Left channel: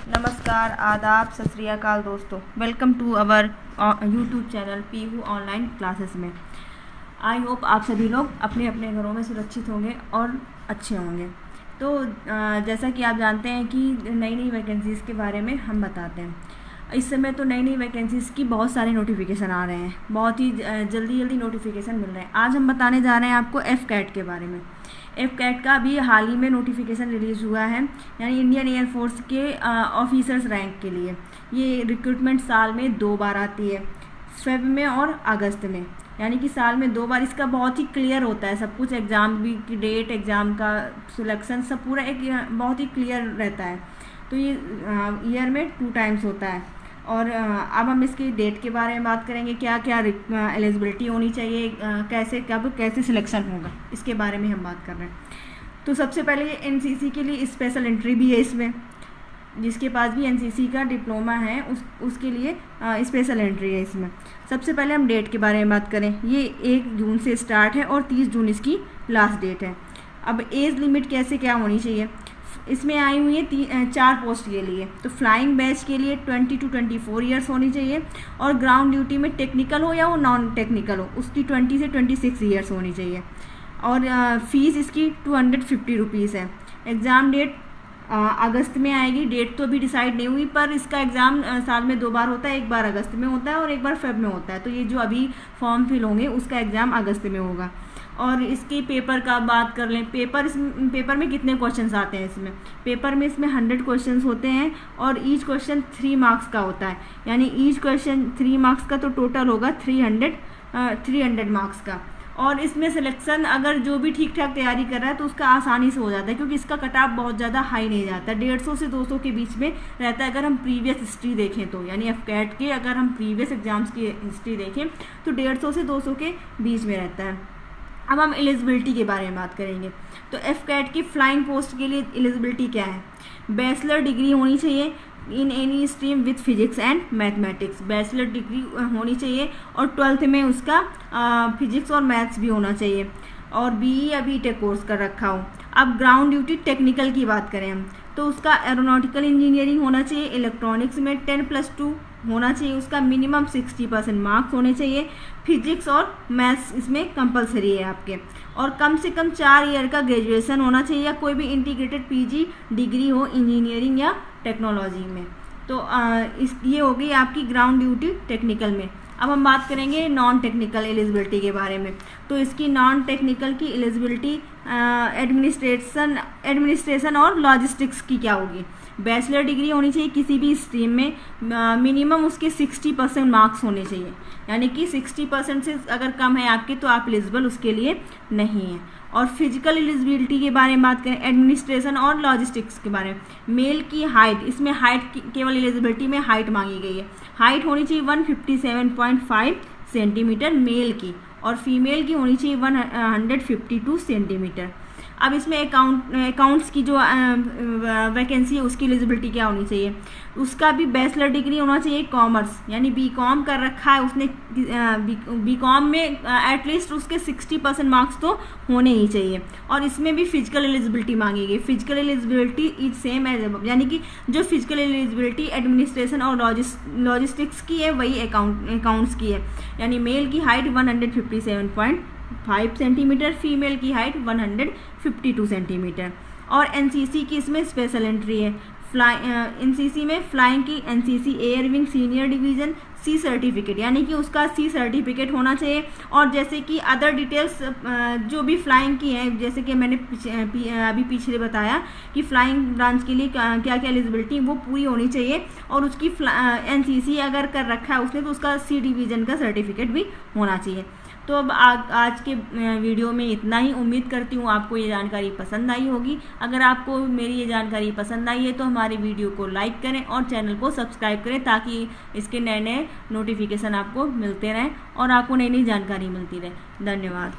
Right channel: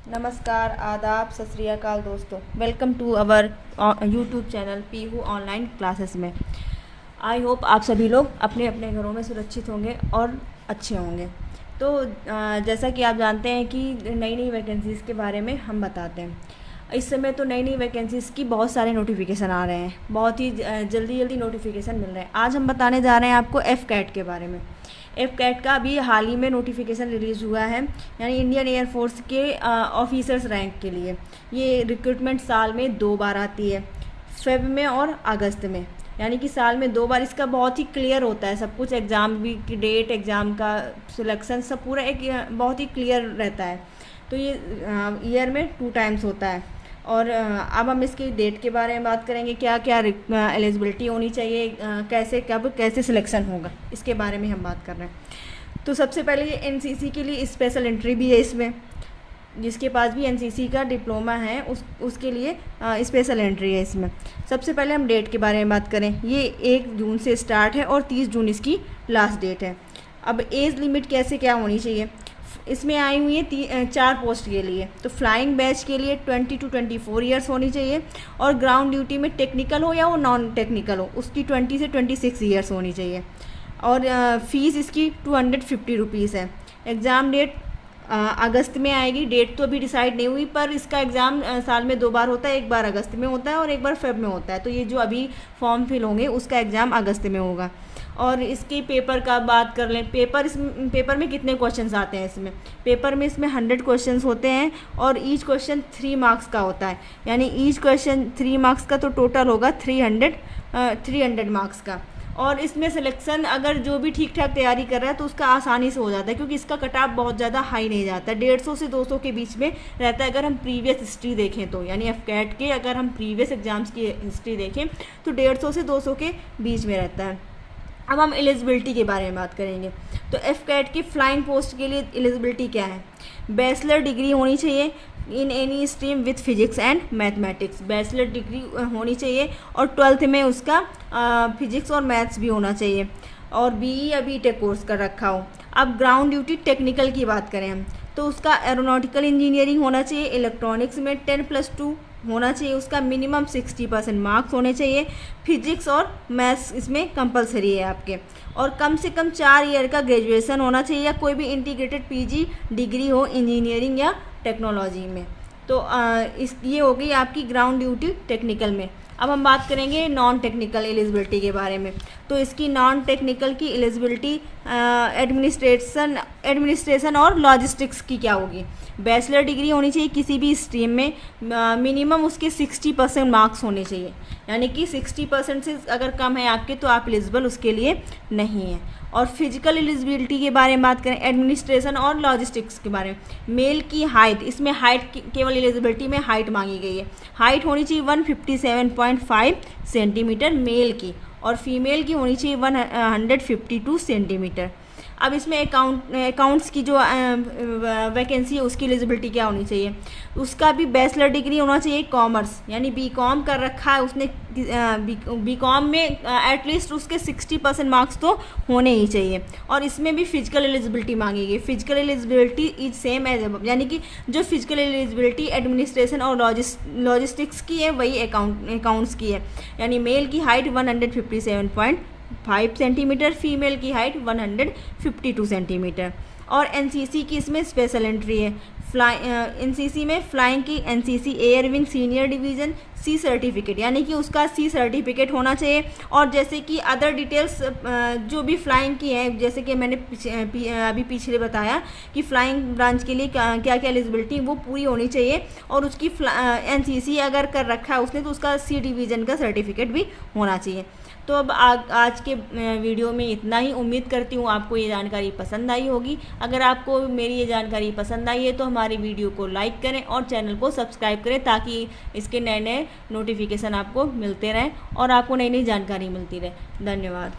नमस्कार, आदाब, सत श्री अकाल दोस्तों। Welcome to our YouTube channel Peehu online classes में। आई होप आप सभी लोग अपने अपने घरों में सुरक्षित होंगे और अच्छे होंगे। तो जैसा कि आप जानते हैं कि नई नई वैकेंसीज़ के बारे में हम बताते हैं। इस समय तो नई नई वैकेंसीज़ की बहुत सारे नोटिफिकेशन आ रहे हैं, बहुत ही जल्दी जल्दी नोटिफिकेशन मिल रहे हैं। आज हम बताने जा रहे हैं आपको FCAT के बारे में। FCAT का अभी हाल ही में नोटिफिकेशन रिलीज़ हुआ है, यानी इंडियन एयरफोर्स के ऑफिसर्स रैंक के लिए। ये रिक्रूटमेंट साल में 2 बार आती है, फेब में और अगस्त में, यानी कि साल में 2 बार। इसका बहुत ही क्लियर होता है सब कुछ, एग्ज़ाम भी की डेट, एग्ज़ाम का सिलेक्शन सब पूरा एक बहुत ही क्लियर रहता है। तो ये ईयर में 2 टाइम्स होता है। और अब हम इसकी डेट के बारे में बात करेंगे, क्या क्या एलिजिबिलिटी होनी चाहिए, कैसे सिलेक्शन होगा, इसके बारे में हम बात कर रहे हैं। तो सबसे पहले NCC के लिए स्पेशल एंट्री भी है इसमें। जिसके पास भी NCC का डिप्लोमा है उसके लिए स्पेशल एंट्री है इसमें। सबसे पहले हम डेट के बारे में बात करें। ये 1 जून से स्टार्ट है और 30 जून इसकी लास्ट डेट है। अब एज लिमिट कैसे क्या होनी चाहिए, इसमें आई हुई है 4 पोस्ट के लिए। तो फ्लाइंग बैच के लिए 20 to 24 ईयर्स होनी चाहिए, और ग्राउंड ड्यूटी में टेक्निकल हो या वो नॉन टेक्निकल हो उसकी 20 से 26 ईयर्स होनी चाहिए। और फीस इसकी 250 रुपीज़ है। एग्ज़ाम डेट अगस्त में आएगी। डेट तो अभी डिसाइड नहीं हुई, पर इसका एग्ज़ाम साल में 2 बार होता है, एक बार अगस्त में होता है और एक बार फेब में होता है। तो ये जो अभी फॉर्म फिल होंगे उसका एग्ज़ाम अगस्त में होगा। और इसकी पेपर का बात कर लें, पेपर में कितने क्वेश्चंस आते हैं इसमें। पेपर में इसमें 100 क्वेश्चंस होते हैं और ईच क्वेश्चन 3 मार्क्स का होता है, यानी ईच क्वेश्चन 3 मार्क्स का, तो टोटल होगा 300 मार्क्स का। और इसमें सिलेक्शन अगर जो भी ठीक ठाक तैयारी कर रहा है तो उसका आसानी से हो जाता है, क्योंकि इसका कट ऑफ बहुत ज़्यादा हाई नहीं जाता है, 150 से 200 के बीच में रहता है। अगर हम प्रीवियस हिस्ट्री देखें तो, यानी FCAT के अगर हम प्रीवियस एग्जाम्स की हिस्ट्री देखें तो 150 से 200 के बीच में रहता है। अब हम एलिजिबिलिटी के बारे में बात करेंगे। तो FCAT की फ्लाइंग पोस्ट के लिए एलिजिबिलिटी क्या है, बैचलर डिग्री होनी चाहिए in any stream with physics and mathematics. Bachelor degree होनी चाहिए और 12th में उसका फिजिक्स और मैथ्स भी होना चाहिए, और BE या BTech कोर्स कर रखा हो। अब ग्राउंड ड्यूटी टेक्निकल की बात करें हम, तो उसका एरोनॉटिकल इंजीनियरिंग होना चाहिए, इलेक्ट्रॉनिक्स में 10+2 होना चाहिए, उसका मिनिमम 60% मार्क्स होने चाहिए। फिजिक्स और मैथ्स इसमें कंपलसरी है आपके, और कम से कम 4 ईयर का ग्रेजुएशन होना चाहिए, या कोई भी इंटीग्रेटेड PG डिग्री हो इंजीनियरिंग या टेक्नोलॉजी में। तो ये होगी आपकी ग्राउंड ड्यूटी टेक्निकल में। अब हम बात करेंगे नॉन टेक्निकल एलिजिबिलिटी के बारे में। तो इसकी नॉन टेक्निकल की एलिजिबिलिटी एडमिनिस्ट्रेशन और लॉजिस्टिक्स की क्या होगी। बैचलर डिग्री होनी चाहिए किसी भी स्ट्रीम में, मिनिमम उसके 60% मार्क्स होने चाहिए, यानी कि 60% से अगर कम है आपके तो आप एलिजिबल उसके लिए नहीं हैं। और फिजिकल एलिजिबिलिटी के बारे में बात करें, एडमिनिस्ट्रेशन और लॉजिस्टिक्स के बारे में, मेल की हाइट, इसमें हाइट केवल एलिजिबिलिटी में हाइट मांगी गई है। हाइट होनी चाहिए 157.5 सेंटीमीटर मेल की, और फीमेल की होनी चाहिए 152 सेंटीमीटर। अब इसमें अकाउंट्स की जो वैकेंसी है उसकी एलिजिबिलिटी क्या होनी चाहिए, उसका भी बैचलर डिग्री होना चाहिए कॉमर्स, यानी BCom कर रखा है उसने। BCom में एटलीस्ट उसके 60% मार्क्स तो होने ही चाहिए। और इसमें भी फिजिकल एलिजिबिलिटी मांगी गई। Physical eligibility is same as above, यानी कि जो फिजिकल एलिजिबिलिटी एडमिनिस्ट्रेशन और लॉजिस्टिक्स की है वही अकाउंट्स की है, यानी मेल की हाइट 157.5 सेंटीमीटर, फीमेल की हाइट 152 सेंटीमीटर। और NCC की इसमें स्पेशल एंट्री है। NCC में फ्लाइंग की NCC air wing senior division C certificate, यानी कि उसका C सर्टिफिकेट होना चाहिए। और जैसे कि अदर डिटेल्स जो भी फ्लाइंग की हैं, जैसे कि मैंने अभी पिछले बताया कि फ्लाइंग ब्रांच के लिए क्या क्या एलिजिबिलिटी वो पूरी होनी चाहिए, और उसकी NCC अगर कर रखा है उसने तो उसका C डिवीज़न का सर्टिफिकेट भी होना चाहिए। तो अब आज के वीडियो में इतना ही। उम्मीद करती हूँ आपको ये जानकारी पसंद आई होगी। अगर आपको मेरी ये जानकारी पसंद आई है तो हमारी वीडियो को लाइक करें और चैनल को सब्सक्राइब करें, ताकि इसके नए नए नोटिफिकेशन आपको मिलते रहें और आपको नई नई जानकारी मिलती रहे। धन्यवाद।